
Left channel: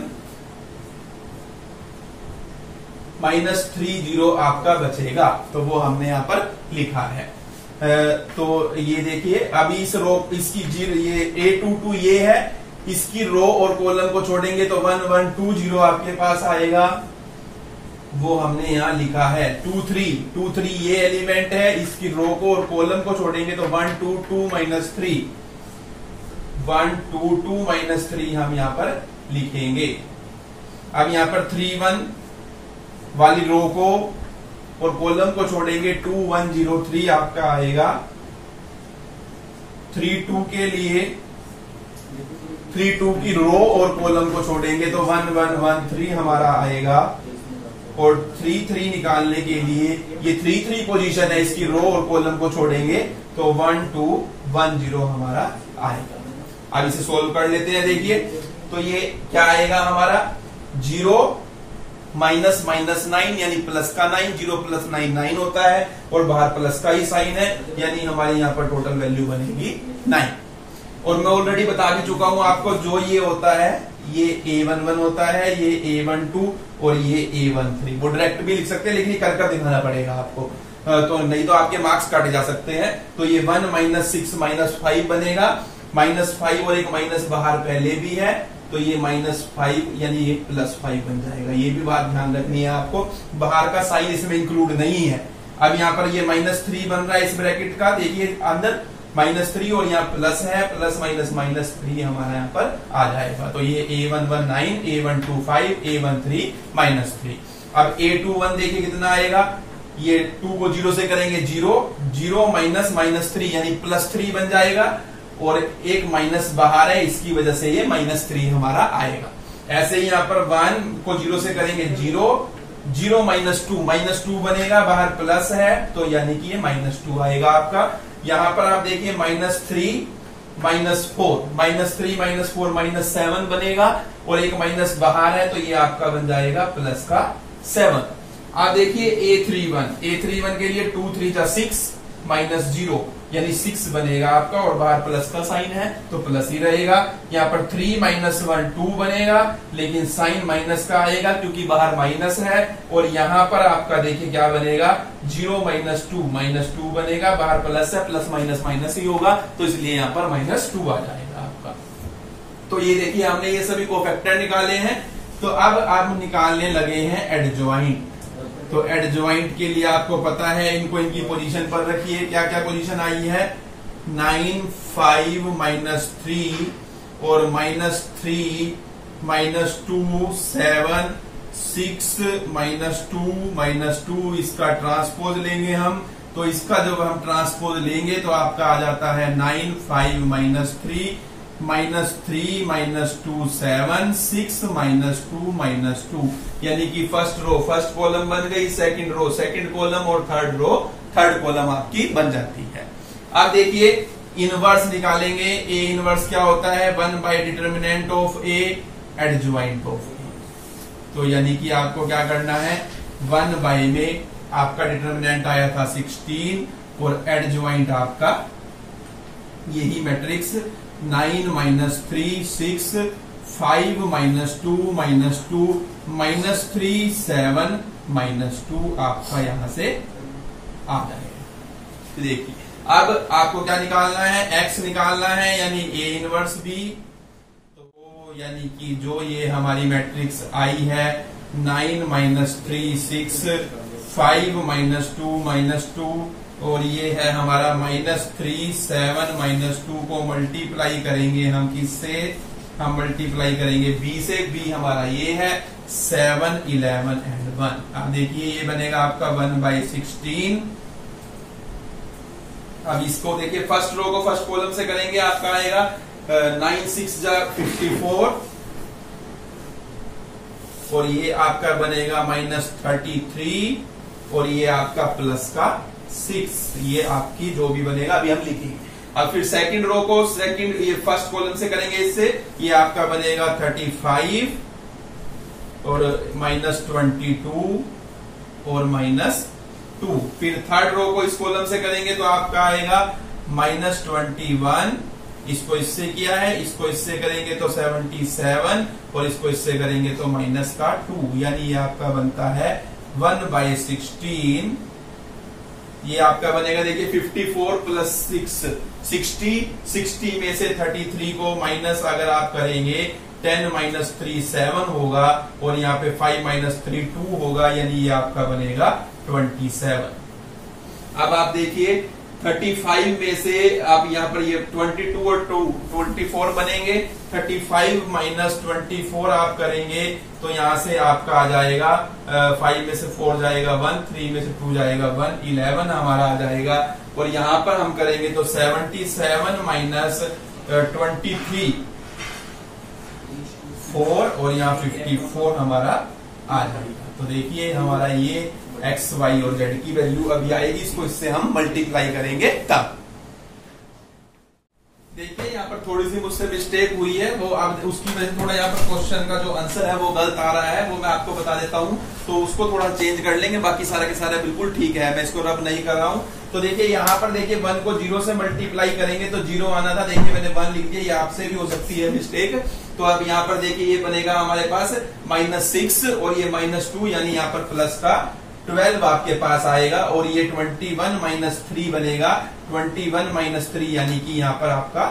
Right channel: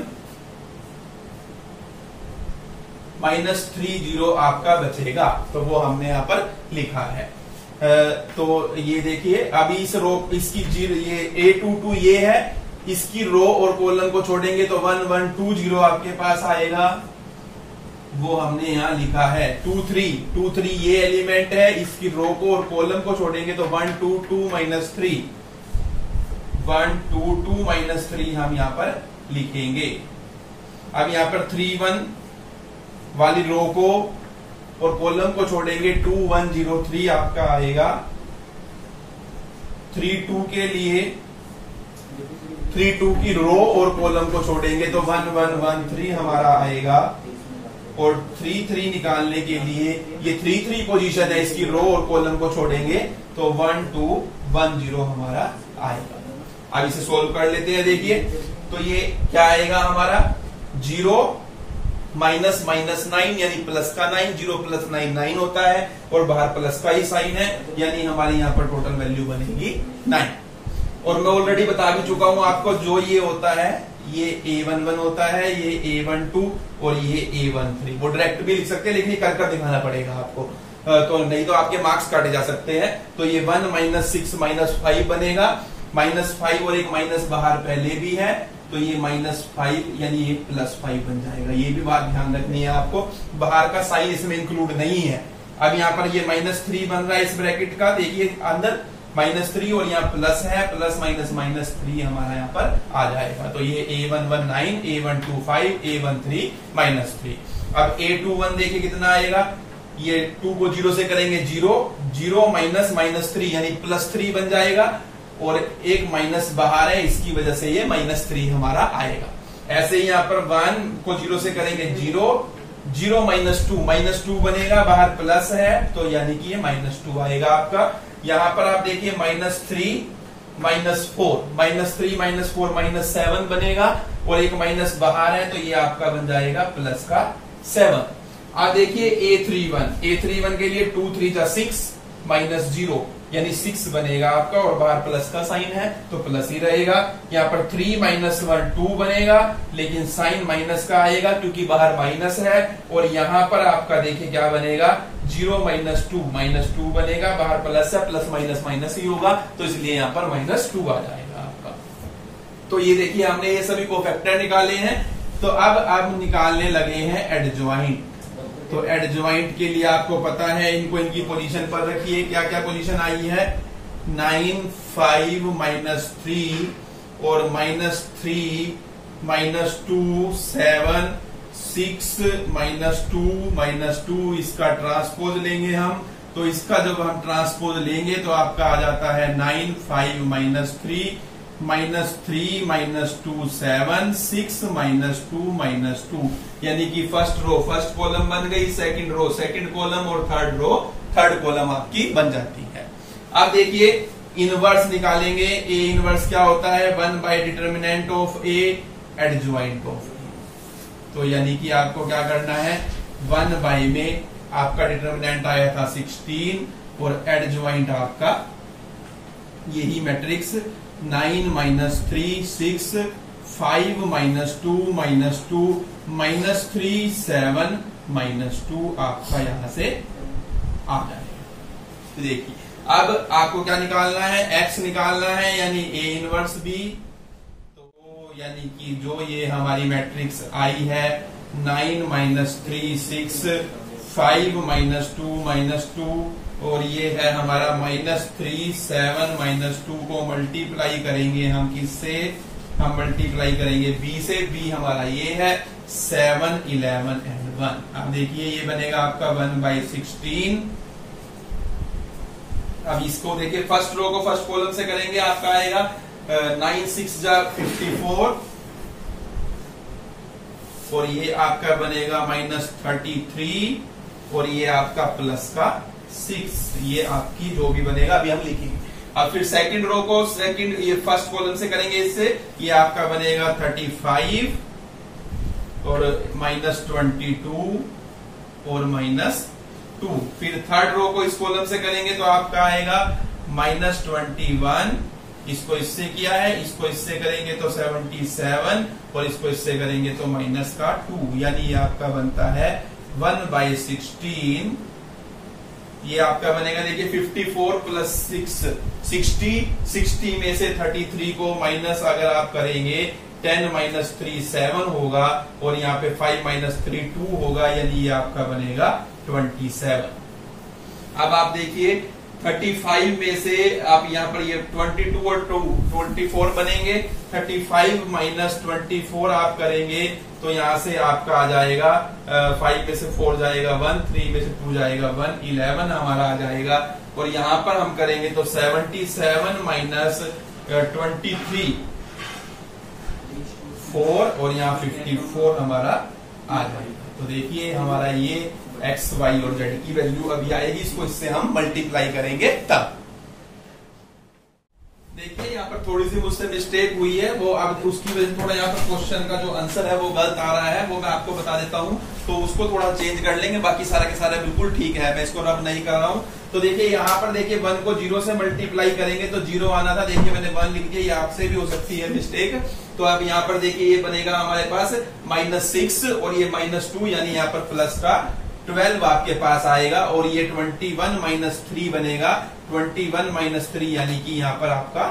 -3 0 आपका बचेगा, तो वो हमने यहाँ पर लिखा है। तो ये देखिए अभी इस रो इसकी ये a22 ये है, इसकी रो और कॉलम को छोड़ेंगे तो 1 1 2 0 आपके पास आएगा, वो हमने यहाँ लिखा है। 2 3 ये एलिमेंट है, इसकी रो को और कॉलम को छोड़ेंगे तो 1 2 2 -3, 1 2 2 -3 हम यहाँ पर लिखेंगे। अब यहाँ पर 3 1 वाली रो को और कॉलम को छोड़ेंगे, 2 1 0 3 आपका आएगा, 3 2 के लिए 3 2 की रो और कॉलम को छोड़ेंगे तो 1 1 1 3 हमारा आएगा, और 3 3 निकालने के लिए ये 3 3 पोजीशन है, इसकी रो और कॉलम को छोड़ेंगे तो 1 2 1 0 हमारा आएगा। अब इसे सोल्व कर लेते हैं। देखिए तो ये क्या आएगा हमारा 0 माइनस माइनस 9 यानी प्लस का 9, 0 प्लस 9 9 होता है और बाहर प्लस का ही साइन है, यानी हमारे यहाँ पर टोटल वैल्यू बनेगी 9। और मैं ऑलरेडी बता भी चुका हूं आपको, जो ये होता है ये A11 होता है, ये A12 और ये A13। वो डायरेक्ट भी लिख सकते हैं लेकिन ये कर दिखाना पड़ेगा आपको, तो नहीं तो आपके मार्क्स काटे जा सकते हैं। तो ये 1 माइनस 6 माइनस 5 बनेगा, -5 और एक माइनस बाहर पहले भी है तो ये -5 यानी ये +5 बन जाएगा। ये भी बात ध्यान रखनी है आपको, बाहर का साइन इसमें इंक्लूड नहीं है। अब यहाँ पर ये -3 बन रहा है इस ब्रैकेट का, देखिए अंदर -3 और यहाँ प्लस है, प्लस माइनस -3 हमारा यहाँ पर आ जाएगा। तो ये A11 9, A12 5, A13 -3। अब A21 देखिए कितना आएगा, ये 2 को 0 से करेंगे 0, 0 माइनस -3 यानी +3 बन जाएगा, और एक माइनस बाहर है इसकी वजह से ये -3 हमारा आएगा। ऐसे ही यहाँ पर 1 को 0 से करेंगे 0, 0 -2 बनेगा, बाहर प्लस है तो यानी कि ये -2 आएगा आपका। यहाँ पर आप देखिए -3 -4 -7 बनेगा, और एक माइनस बाहर है तो ये आपका बन जाएगा प्लस का 7। आप देखिए A31 के लिए 2 3 6 -0 यानी 6 बनेगा आपका, और बाहर प्लस का साइन है तो प्लस ही रहेगा। यहाँ पर 3 -1 2 बनेगा, लेकिन साइन माइनस का आएगा क्योंकि बाहर माइनस है, और यहाँ पर आपका देखिए क्या बनेगा 0 -2 बनेगा, बाहर प्लस है, प्लस माइनस माइनस ही होगा तो इसलिए यहाँ पर -2 आ जाएगा आपका। तो ये देखिए हमने ये सभी कोफैक्टर निकाले हैं। तो अब आप निकालने लगे हैं एडजॉइंट। तो एडजॉइंट के लिए आपको पता है, इनको इनकी पोजीशन पर रखिए। क्या क्या पोजीशन आई है, 9 5 -3 और -3 -2 7 6 -2 इसका ट्रांसपोज लेंगे हम। तो इसका जब हम ट्रांसपोज लेंगे तो आपका आ जाता है 9 5 -3 -3 -2 7 6 -2 यानी कि फर्स्ट रो फर्स्ट कॉलम बन गई, सेकंड रो सेकंड कॉलम और थर्ड रो थर्ड कॉलम आपकी बन जाती है। अब देखिए इनवर्स निकालेंगे। ए इनवर्स क्या होता है, 1 by determinant of A adjoint of A. तो यानी कि आपको क्या करना है, 1 बाय में आपका डिटर्मिनेंट आया था 16 और एडजॉइंट आपका यही मैट्रिक्स 9 -3 6 5 -2 -3 7 -2 आपका यहां से आ जाएगा। तो देखिए अब आपको क्या निकालना है, x निकालना है यानी A इनवर्स B। तो यानी कि जो ये हमारी मैट्रिक्स आई है 9 -3 6 5 -2 और ये है हमारा -3 7 -2 को मल्टीप्लाई करेंगे हम किससे, हम मल्टीप्लाई करेंगे B से। B हमारा ये है 7 11 and 1। अब देखिए ये बनेगा आपका 1/16। अब इसको देखिए फर्स्ट रो को फर्स्ट कॉलम से करेंगे, आपका आएगा 9 6 54 और ये आपका बनेगा -33 और ये आपका प्लस का 6। ये आपकी जो भी बनेगा अभी हम लिखेंगे। अब फिर सेकंड रो को सेकंड ये फर्स्ट कॉलम से करेंगे, इससे ये आपका बनेगा 35 और -22 और -2। फिर थर्ड रो को इस कॉलम से करेंगे तो आपका आएगा -21। इसको इससे किया है, इसको इससे करेंगे तो 77 और इसको इससे करेंगे तो -2। यानी ये आपका बनता है 1/16। ये आपका बनेगा देखिए 54 प्लस 6 60 में से 33 को माइनस अगर आप करेंगे 10 -3 7 होगा और यहाँ पे 5 -3 2 होगा, यानी ये आपका बनेगा 27। अब आप देखिए 35 में से आप यहाँ पर ये 22 और 24 बनेंगे। 35 माइनस 24 आप करेंगे तो यहाँ से आपका आ जाएगा 5 में से 4 जाएगा 1, 3 में से 2 जाएगा 1, 11 हमारा आ जाएगा। और यहाँ पर हम करेंगे तो 77 माइनस 23 4 और यहाँ 54 हमारा आ जाएगा। तो देखिए हमारा ये एक्स वाई और जेड की वैल्यू अभी आएगी, इसको इससे हम मल्टीप्लाई करेंगे तब। देखिए यहाँ पर थोड़ी सी मुझसे मिस्टेक हुई है, वो अब उसकी वजह से थोड़ा यहाँ पर क्वेश्चन का जो आंसर है वो गलत आ रहा है, वो मैं आपको बता देता हूँ। तो उसको थोड़ा चेंज कर लेंगे, बाकी सारे के सारे बिल्कुल ठीक है, मैं इसको रब नहीं कर रहा हूँ। तो देखिए यहाँ पर देखिए 1 को 0 से मल्टीप्लाई करेंगे तो 0 आना था, देखिए मैंने 1 लिख दिया, ये आपसे भी हो सकती है मिस्टेक। तो अब यहाँ पर देखिए ये बनेगा हमारे पास -6 और ये -2, यानी यहाँ पर प्लस का 12 आपके पास आएगा। और ये 21 माइनस 3 बनेगा, 21 माइनस 3 यानी कि यहाँ पर आपका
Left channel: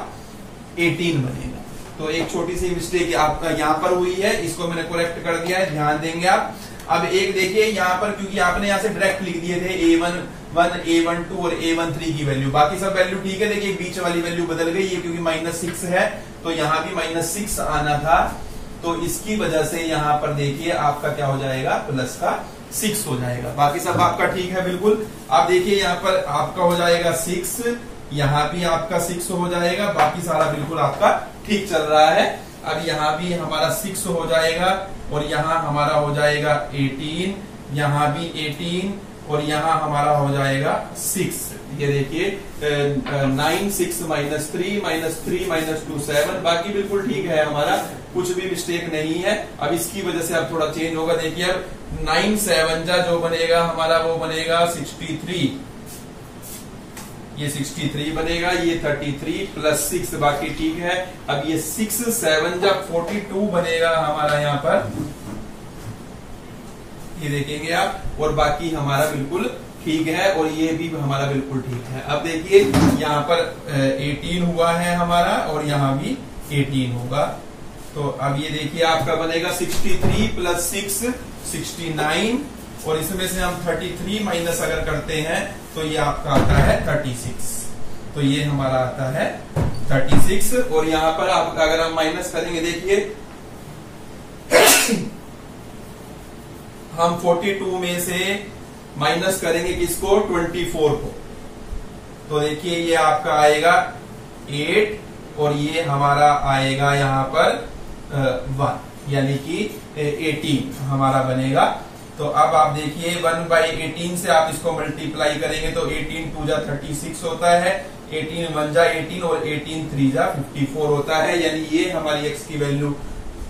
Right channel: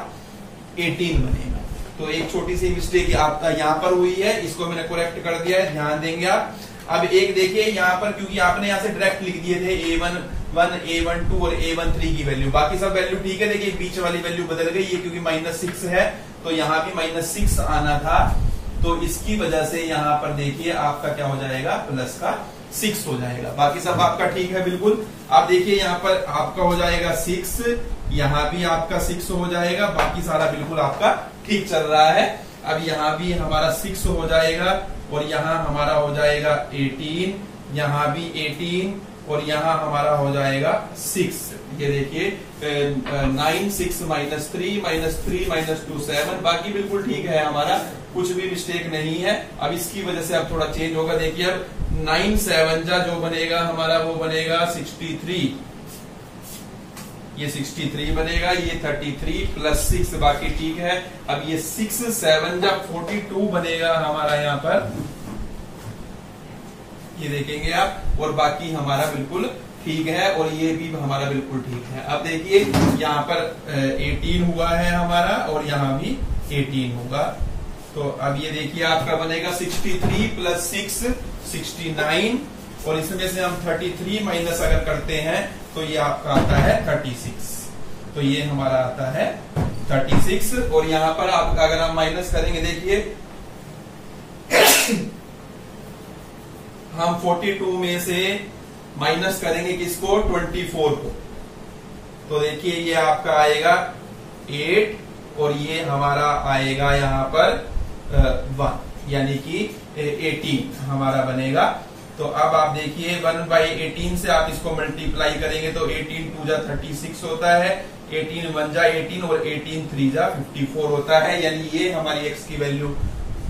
18 बनेगा। तो एक छोटी सी मिस्टेक आपका यहाँ पर हुई है, इसको मैंने करेक्ट कर दिया है, ध्यान देंगे आप। अब एक देखिए यहाँ पर, क्योंकि आपने यहाँ से डायरेक्ट लिख दिए थे A11, A12 और A13 की वैल्यू, बाकी सब वैल्यू ठीक है। देखिए बीच वाली वैल्यू बदल गई है, क्योंकि -6 है तो यहाँ भी -6 आना था, तो इसकी वजह से यहाँ पर देखिए आपका क्या हो जाएगा, प्लस का 6 हो जाएगा। बाकी सब आपका ठीक है बिल्कुल। आप देखिए यहाँ पर आपका हो जाएगा 6, यहाँ भी आपका 6 हो जाएगा, बाकी सारा बिल्कुल आपका ठीक चल रहा है। अब यहाँ भी हमारा 6 हो जाएगा और यहाँ हमारा हो जाएगा 18, यहाँ भी 18 और यहाँ हमारा हो जाएगा 6। ये देखिए 9, 6 माइनस 3 माइनस 2 7, बाकी बिल्कुल ठीक है हमारा, कुछ भी मिस्टेक नहीं है। अब इसकी वजह से अब थोड़ा चेंज होगा। देखिए अब 9 7 जो बनेगा हमारा वो बनेगा 63, ये 63 बनेगा, ये 33 प्लस 6 बाकी ठीक है। अब ये 6 7 42 बनेगा हमारा यहाँ पर, ये देखेंगे आप, और बाकी हमारा बिल्कुल ठीक है, और ये भी हमारा बिल्कुल ठीक है। अब देखिए यहाँ पर 18 हुआ है हमारा और यहाँ भी 18 होगा। तो अब ये देखिए आपका बनेगा 63 प्लस 6 69, और इसमें से हम 33 माइनस अगर करते हैं तो ये आपका आता है 36। तो ये हमारा आता है 36, और यहाँ पर आप अगर हम माइनस करेंगे, देखिए हम 42 में से माइनस करेंगे किसको, 24 को, तो देखिए ये आपका आएगा 8 और ये हमारा आएगा यहाँ पर 1, यानी कि 18 हमारा बनेगा। तो अब आप देखिए 1/18 से आप इसको मल्टीप्लाई करेंगे तो 18 2 जा 36 होता है, 18 1 जा 18 और 18 3 जा 54 होता है। यानी ये हमारी x की वैल्यू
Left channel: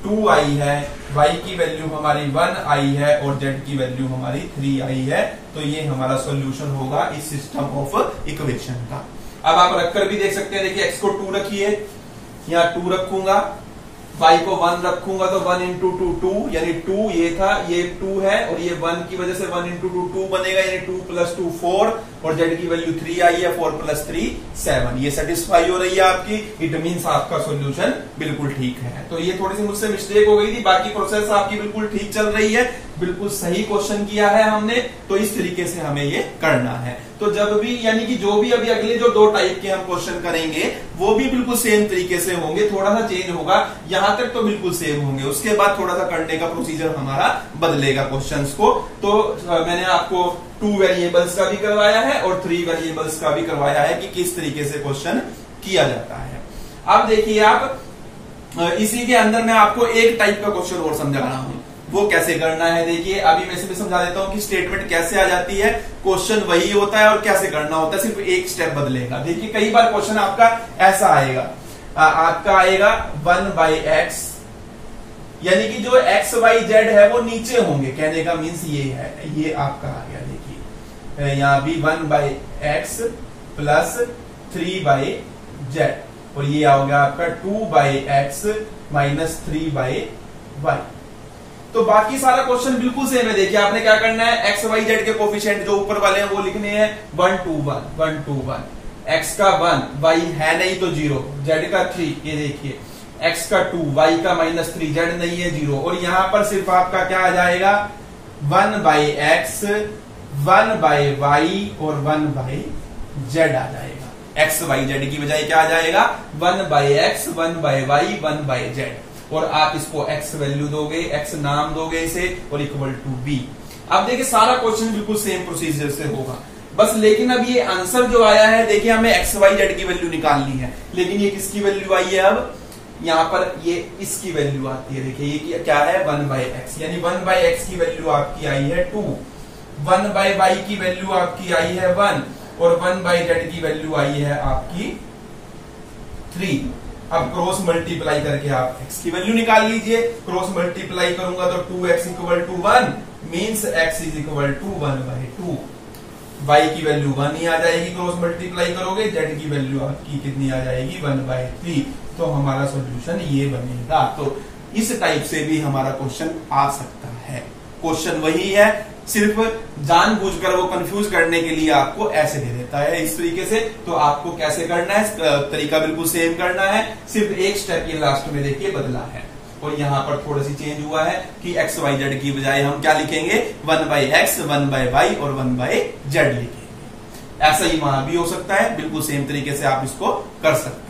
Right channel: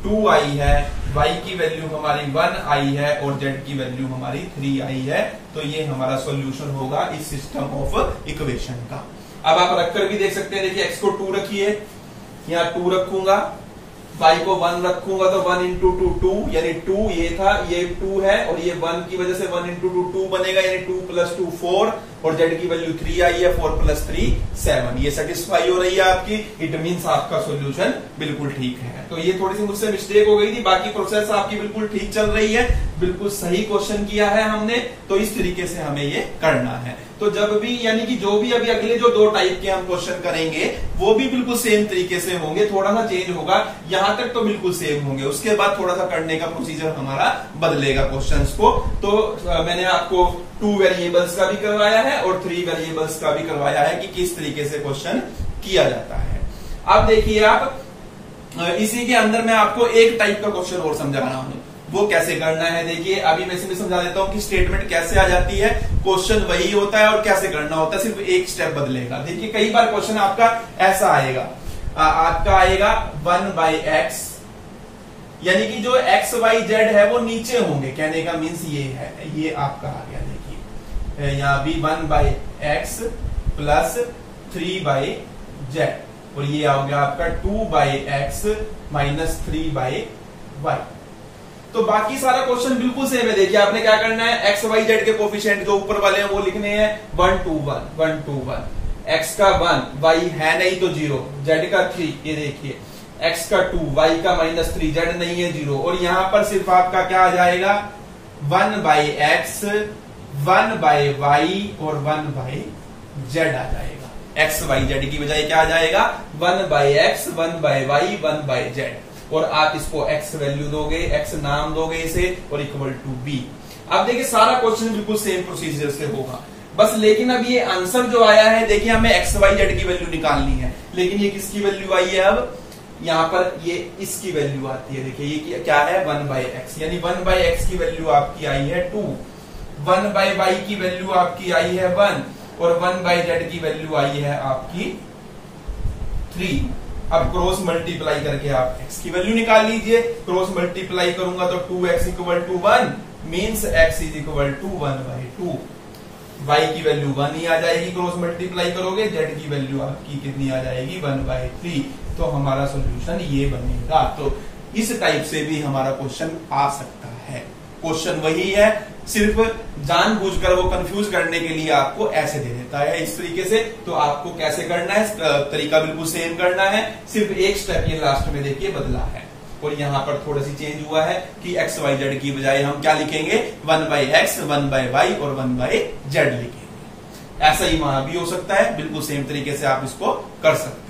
2 आई है, y की वैल्यू हमारी 1 आई है और z की वैल्यू हमारी 3 आई है। तो ये हमारा सॉल्यूशन होगा इस सिस्टम ऑफ इक्वेशन का। अब आप रखकर भी देख सकते हैं, देखिए x को 2 रखिए, यहाँ 2 रखूंगा, y को 1 रखूंगा तो 1 इंटू 2 2, यानी 2 ये था, ये 2 है, और ये 1 की वजह से 1 इंटू 2 2 बनेगा, यानी 2 प्लस 2 4, और z की वैल्यू 3 आई है, 4 प्लस 3 7। ये सेटिस्फाई हो रही है आपकी, इट मीन्स आपका सॉल्यूशन बिल्कुल ठीक है। तो ये थोड़ी सी मुझसे मिस्टेक हो गई थी, बाकी प्रोसेस आपकी बिल्कुल ठीक चल रही है, बिल्कुल सही क्वेश्चन किया है हमने। तो इस तरीके से हमें ये करना है। तो जब भी, यानी कि जो भी अभी अगले जो 2 टाइप के हम क्वेश्चन करेंगे वो भी बिल्कुल सेम तरीके से होंगे, थोड़ा सा चेंज होगा, यहां तक तो बिल्कुल सेम होंगे, उसके बाद थोड़ा सा करने का प्रोसीजर हमारा बदलेगा क्वेश्चंस को। तो मैंने आपको 2 वेरिएबल्स का भी करवाया है और 3 वेरिएबल्स का भी करवाया है कि किस तरीके से क्वेश्चन किया जाता है। अब देखिए आप, इसी के अंदर मैं आपको एक टाइप का क्वेश्चन और समझा रहा हूं, वो कैसे करना है। देखिए अभी मैं इसमें समझा देता हूं कि स्टेटमेंट कैसे आ जाती है, क्वेश्चन वही होता है और कैसे करना होता है, सिर्फ एक स्टेप बदलेगा। देखिए कई बार क्वेश्चन आपका ऐसा आएगा, आपका आएगा 1/x, यानी कि जो x y z है वो नीचे होंगे, कहने का मीन्स ये है, ये आपका आ गया। देखिए यहाँ भी 1/x प्लस 3/z, और ये आ गया आपका 2/x माइनस 3/y। तो बाकी सारा क्वेश्चन बिल्कुल सेम है। देखिए आपने क्या करना है, x y z के कोफिशिएंट जो ऊपर वाले हैं वो लिखने हैं 1 2 1 1 2 1, x का 1, y है नहीं तो 0, z का 3, ये देखिए x का 2, y का -3, z नहीं है 0, और यहां पर सिर्फ आपका क्या आ जाएगा 1/x 1/y और 1/z। जेड आ जाएगा। एक्स वाई जेड की बजाय क्या आ जाएगा, 1/x 1/y 1/z। और आप इसको एक्स वैल्यू दोगे, एक्स नाम दोगे इसे, और इक्वल टू बी। अब देखिए सारा क्वेश्चन बिल्कुल सेम प्रोसीजर से होगा, बस लेकिन अब ये आंसर जो आया है, देखिए हमें एक्स वाई जेड की वैल्यू निकालनी है, लेकिन ये किसकी वैल्यू आई है, अब यहाँ पर ये इसकी वैल्यू आती है। देखिए ये क्या है, 1/x, यानी 1/x की वैल्यू आपकी आई है 2, 1/y की वैल्यू आपकी आई है 1, और 1/z की वैल्यू आई है आपकी 3। अब क्रॉस मल्टीप्लाई करके आप x की वैल्यू निकाल लीजिए। क्रॉस मल्टीप्लाई करूंगा तो 2x equal to 1 means x is equal to 1/2। y की वैल्यू 1 ही आ जाएगी, क्रॉस मल्टीप्लाई करोगे, z की वैल्यू आपकी कितनी आ जाएगी, 1/3। तो हमारा सॉल्यूशन ये बनेगा। तो इस टाइप से भी हमारा क्वेश्चन आ सकता है। क्वेश्चन वही है, सिर्फ जानबूझकर वो कंफ्यूज करने के लिए आपको ऐसे दे देता है इस तरीके से। तो आपको कैसे करना है, तरीका बिल्कुल सेम करना है, सिर्फ एक स्टेप ये लास्ट में देखिए बदला है, और यहाँ पर थोड़ा सी चेंज हुआ है कि एक्स वाई जेड की बजाय हम क्या लिखेंगे, 1/x 1/y और 1/z लिखेंगे। ऐसा ही वहां भी हो सकता है, बिल्कुल सेम तरीके से आप इसको कर सकते हैं।